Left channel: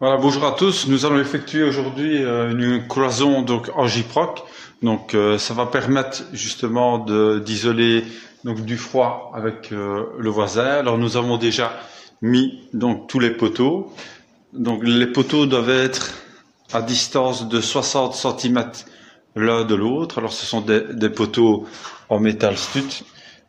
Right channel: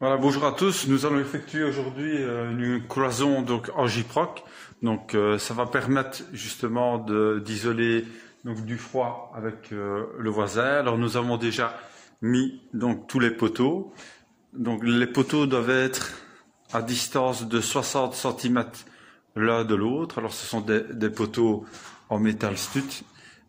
Voilà, bonjour à tous. Nous allons effectuer aujourd'hui une cloison donc en gyproc. Donc ça va permettre justement d'isoler donc du froid avec le voisin. Alors nous avons déjà mis donc tous les poteaux. Donc les poteaux doivent être à distance de 60 cm l'un de l'autre. Alors ce sont des poteaux en métal stud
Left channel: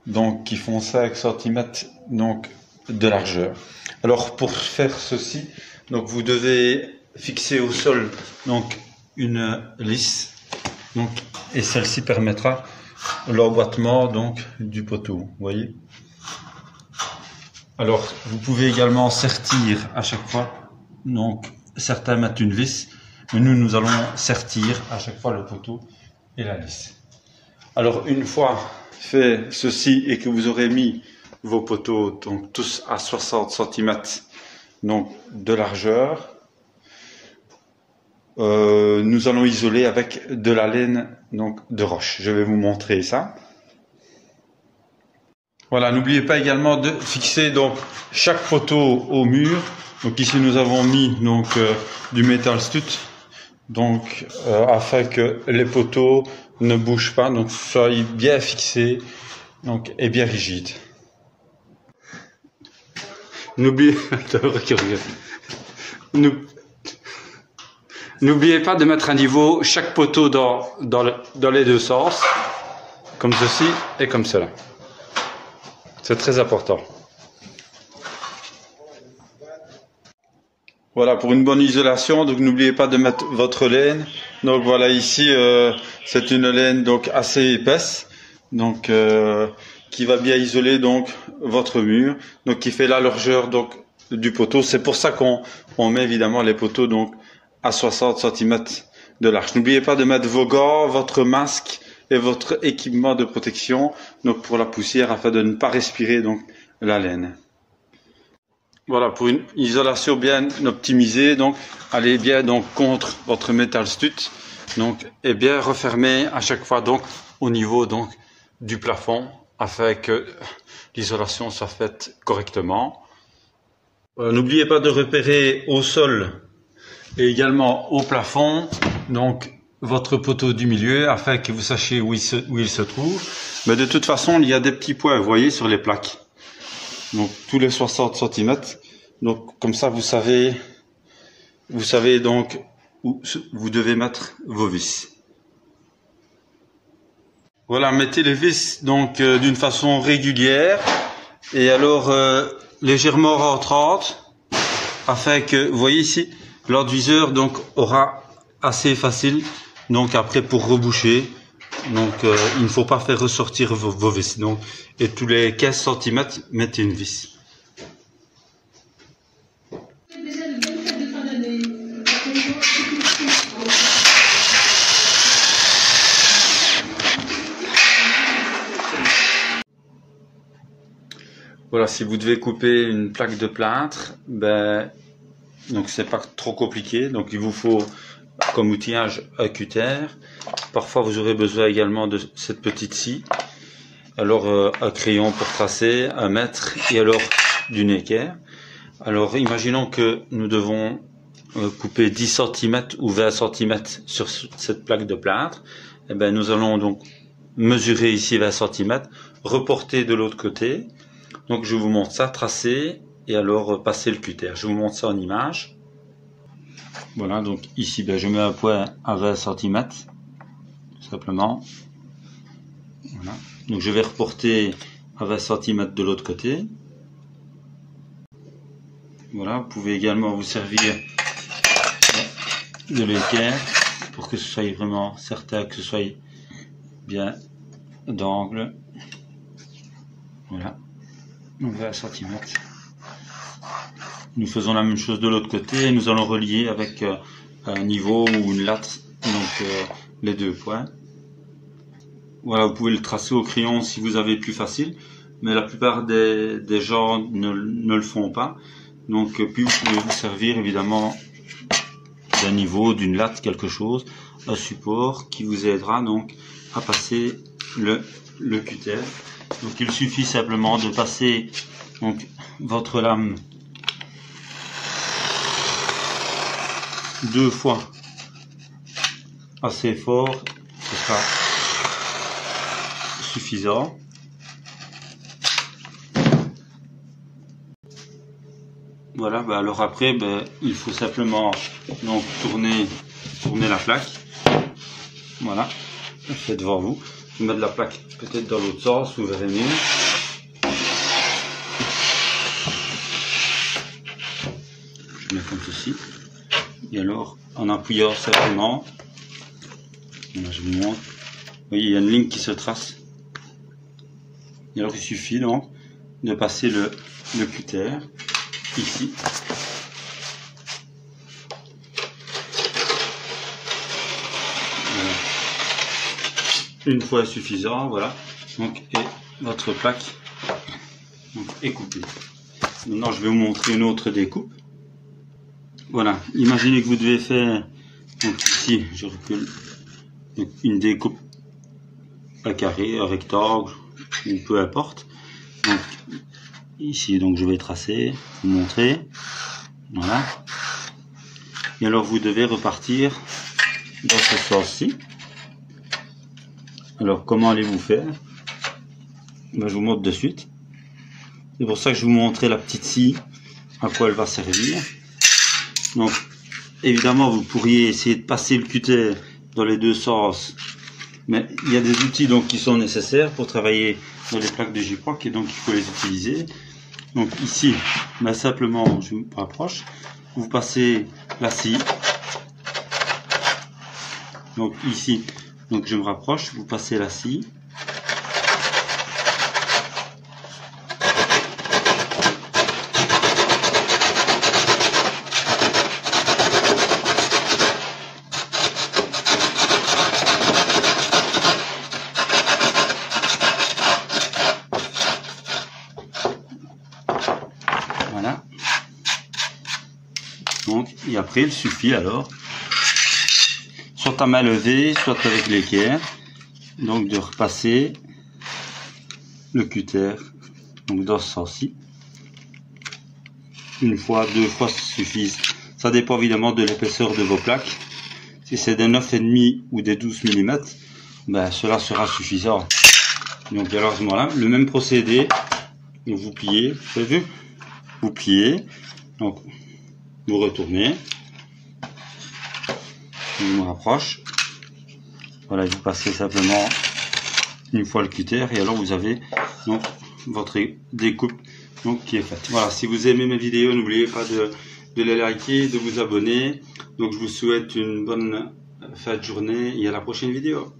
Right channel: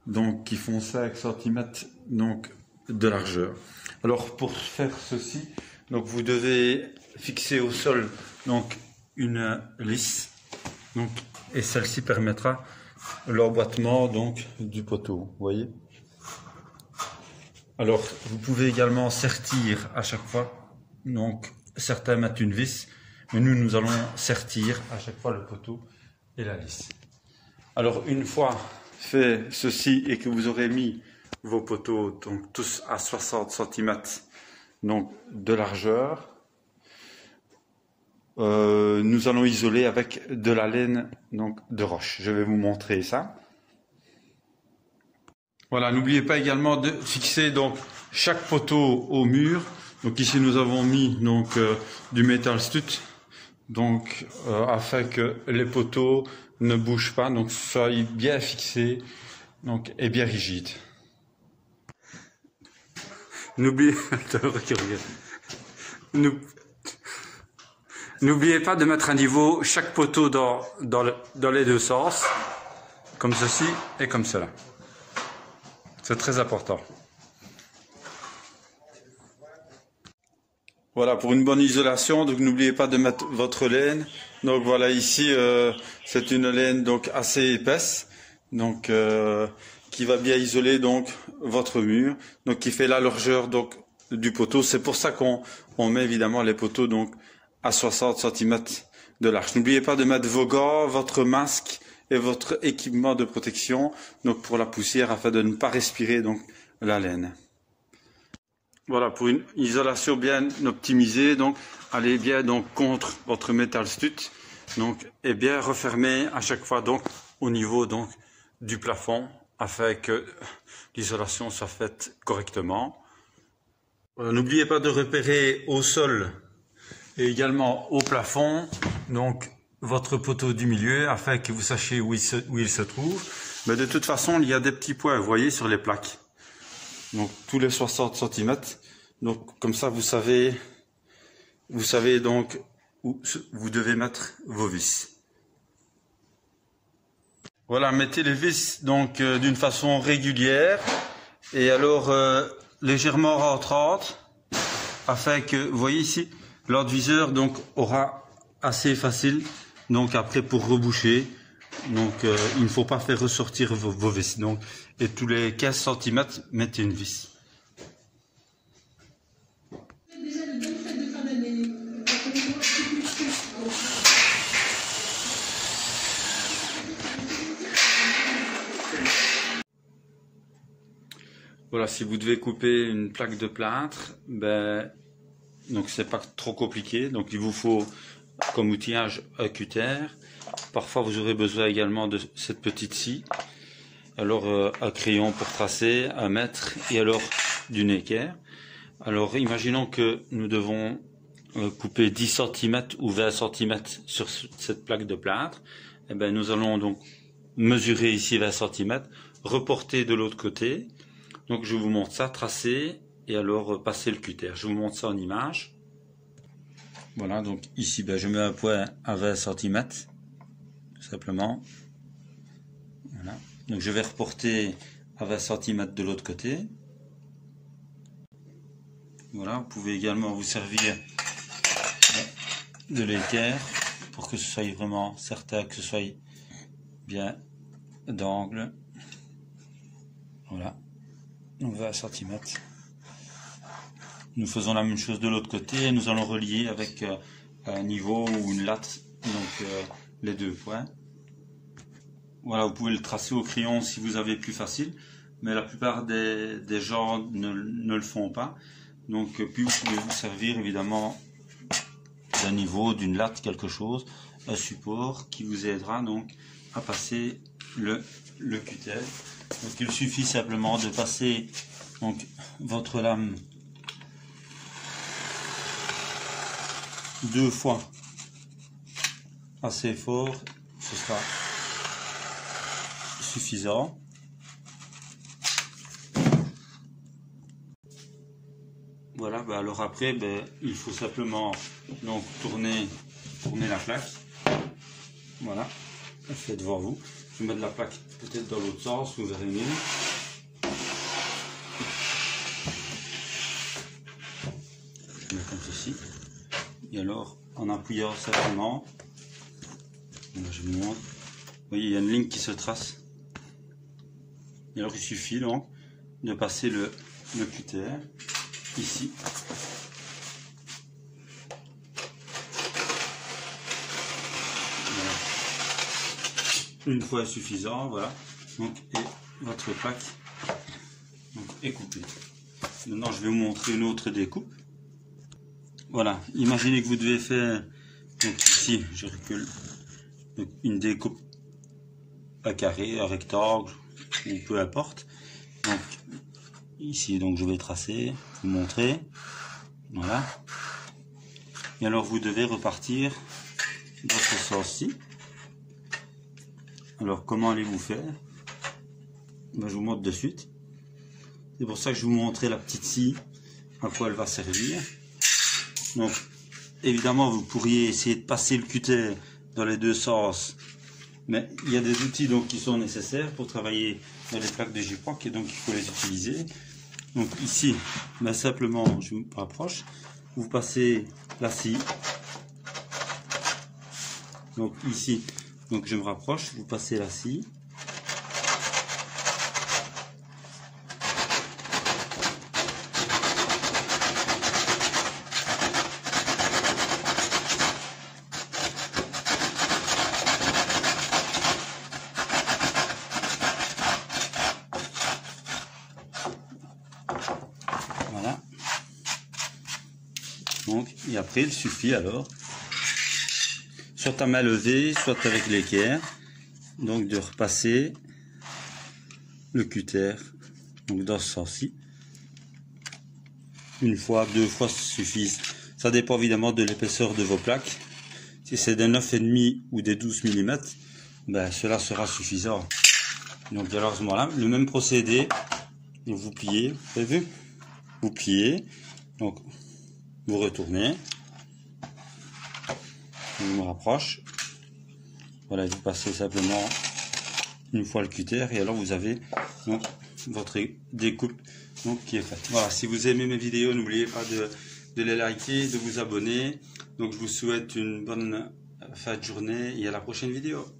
donc qui font 5 cm donc de largeur. Alors pour faire ceci, donc vous devez fixer au sol donc une lisse donc, et celle-ci permettra l'emboîtement donc du poteau, vous voyez. Alors vous pouvez également sertir à chaque fois, donc certains mettent une vis, mais nous allons sertir à chaque fois le poteau et la lisse. Alors une fois fait ceci et que vous aurez mis vos poteaux donc tous à 60 cm donc de largeur, nous allons isoler avec de la laine donc de roche. Je vais vous montrer ça. Voilà, n'oubliez pas également de fixer donc chaque poteau au mur. Donc ici nous avons mis donc du métal stud donc afin que les poteaux ne bougent pas, donc soient bien fixés donc et bien rigides. N'oubliez pas de mettre à niveau chaque poteau dans les deux sens, comme ceci et comme cela. C'est très important. Voilà, pour une bonne isolation, donc n'oubliez pas de mettre votre laine. Donc voilà, ici c'est une laine donc assez épaisse, donc qui va bien isoler donc votre mur, donc qui fait la largeur donc du poteau. C'est pour ça qu'on met évidemment les poteaux donc à 60 cm de large. N'oubliez pas de mettre vos gants, votre masque et votre équipement de protection donc pour la poussière afin de ne pas respirer donc la laine. Voilà, pour une isolation bien optimisée, donc allez bien donc contre votre métal stud donc et bien refermer à chaque fois donc au niveau donc du plafond afin que l'isolation soit faite correctement. Voilà, n'oubliez pas de repérer au sol et également au plafond donc votre poteau du milieu afin que vous sachiez où il se trouve. Mais de toute façon, il y a des petits points, vous voyez, sur les plaques. Donc tous les 60 cm. Donc comme ça, vous savez donc où vous devez mettre vos vis. Voilà, mettez les vis donc d'une façon régulière et alors légèrement rentrantes afin que, vous voyez ici, l'enduiseur donc aura assez facile donc après pour reboucher. Donc il ne faut pas faire ressortir vos vis. Donc, et tous les 15 cm, mettez une vis. Voilà, si vous devez couper une plaque de plâtre, ben donc c'est pas trop compliqué. Donc il vous faut comme outillage un cutter. Parfois vous aurez besoin également de cette petite scie. Alors un crayon pour tracer, un mètre et alors du équerre. Alors imaginons que nous devons couper 10 cm ou 20 cm sur cette plaque de plâtre. Et ben nous allons donc mesurer ici 20 cm, reporter de l'autre côté. Donc je vous montre ça, tracer et alors passer le cutter. Je vous montre ça en image. Voilà, donc ici ben, je mets un point à 20 cm, simplement. Voilà. Donc je vais reporter à 20 cm de l'autre côté. Voilà, vous pouvez également vous servir de l'équerre pour que ce soit vraiment certain que ce soit bien d'angle. Voilà, donc 20 cm. Nous faisons la même chose de l'autre côté et nous allons relier avec un niveau ou une latte, donc les deux points. Voilà, vous pouvez le tracer au crayon si vous avez plus facile, mais la plupart des gens ne le font pas. Donc puis vous pouvez vous servir évidemment d'un niveau, d'une latte, quelque chose, un support qui vous aidera donc à passer le cutter. Donc il suffit simplement de passer donc votre lame 2 fois assez fort, ce sera suffisant. Voilà, alors après, il faut simplement donc tourner la plaque. Voilà, c'est devant vous. Je vais mettre la plaque peut-être dans l'autre sens, vous verrez mieux. Je mets comme ceci. Et alors, en appuyant simplement, là, je vous montre. Vous voyez, il y a une ligne qui se trace. Et alors, il suffit donc de passer le cutter ici. Voilà. Une fois est suffisant, voilà. Donc, et votre plaque donc, est coupée. Maintenant, je vais vous montrer une autre découpe. Voilà, imaginez que vous devez faire, donc ici, je recule, une découpe à carré, à rectangle, ou peu importe. Donc, ici, donc je vais tracer, vous montrer, voilà. Et alors, vous devez repartir dans ce sens-ci. Alors, comment allez-vous faire? Je vous montre de suite. C'est pour ça que je vous montrais la petite scie, à quoi elle va servir. Donc, évidemment, vous pourriez essayer de passer le cutter dans les deux sens, mais il y a des outils donc qui sont nécessaires pour travailler dans les plaques de Gyproc et donc il faut les utiliser. Donc ici, simplement, je me rapproche, vous passez la scie. Donc ici, donc je me rapproche, vous passez la scie. Voilà. Donc, et après, il suffit alors, soit à main levée, soit avec l'équerre, donc de repasser le cutter, donc dans ce sens-ci. Une fois, 2 fois suffisent. Ça dépend évidemment de l'épaisseur de vos plaques. Si c'est des 9,5 ou des 12 mm, cela sera suffisant. Donc alors à ce moment-là, le même procédé, vous pliez, vous avez vu? Vous pliez, donc vous retournez, je me rapproche, voilà, vous passez simplement une fois le cutter et alors vous avez donc votre découpe donc, qui est faite. Voilà, si vous aimez mes vidéos, n'oubliez pas de les liker, de vous abonner. Donc je vous souhaite une bonne fin de journée et à la prochaine vidéo.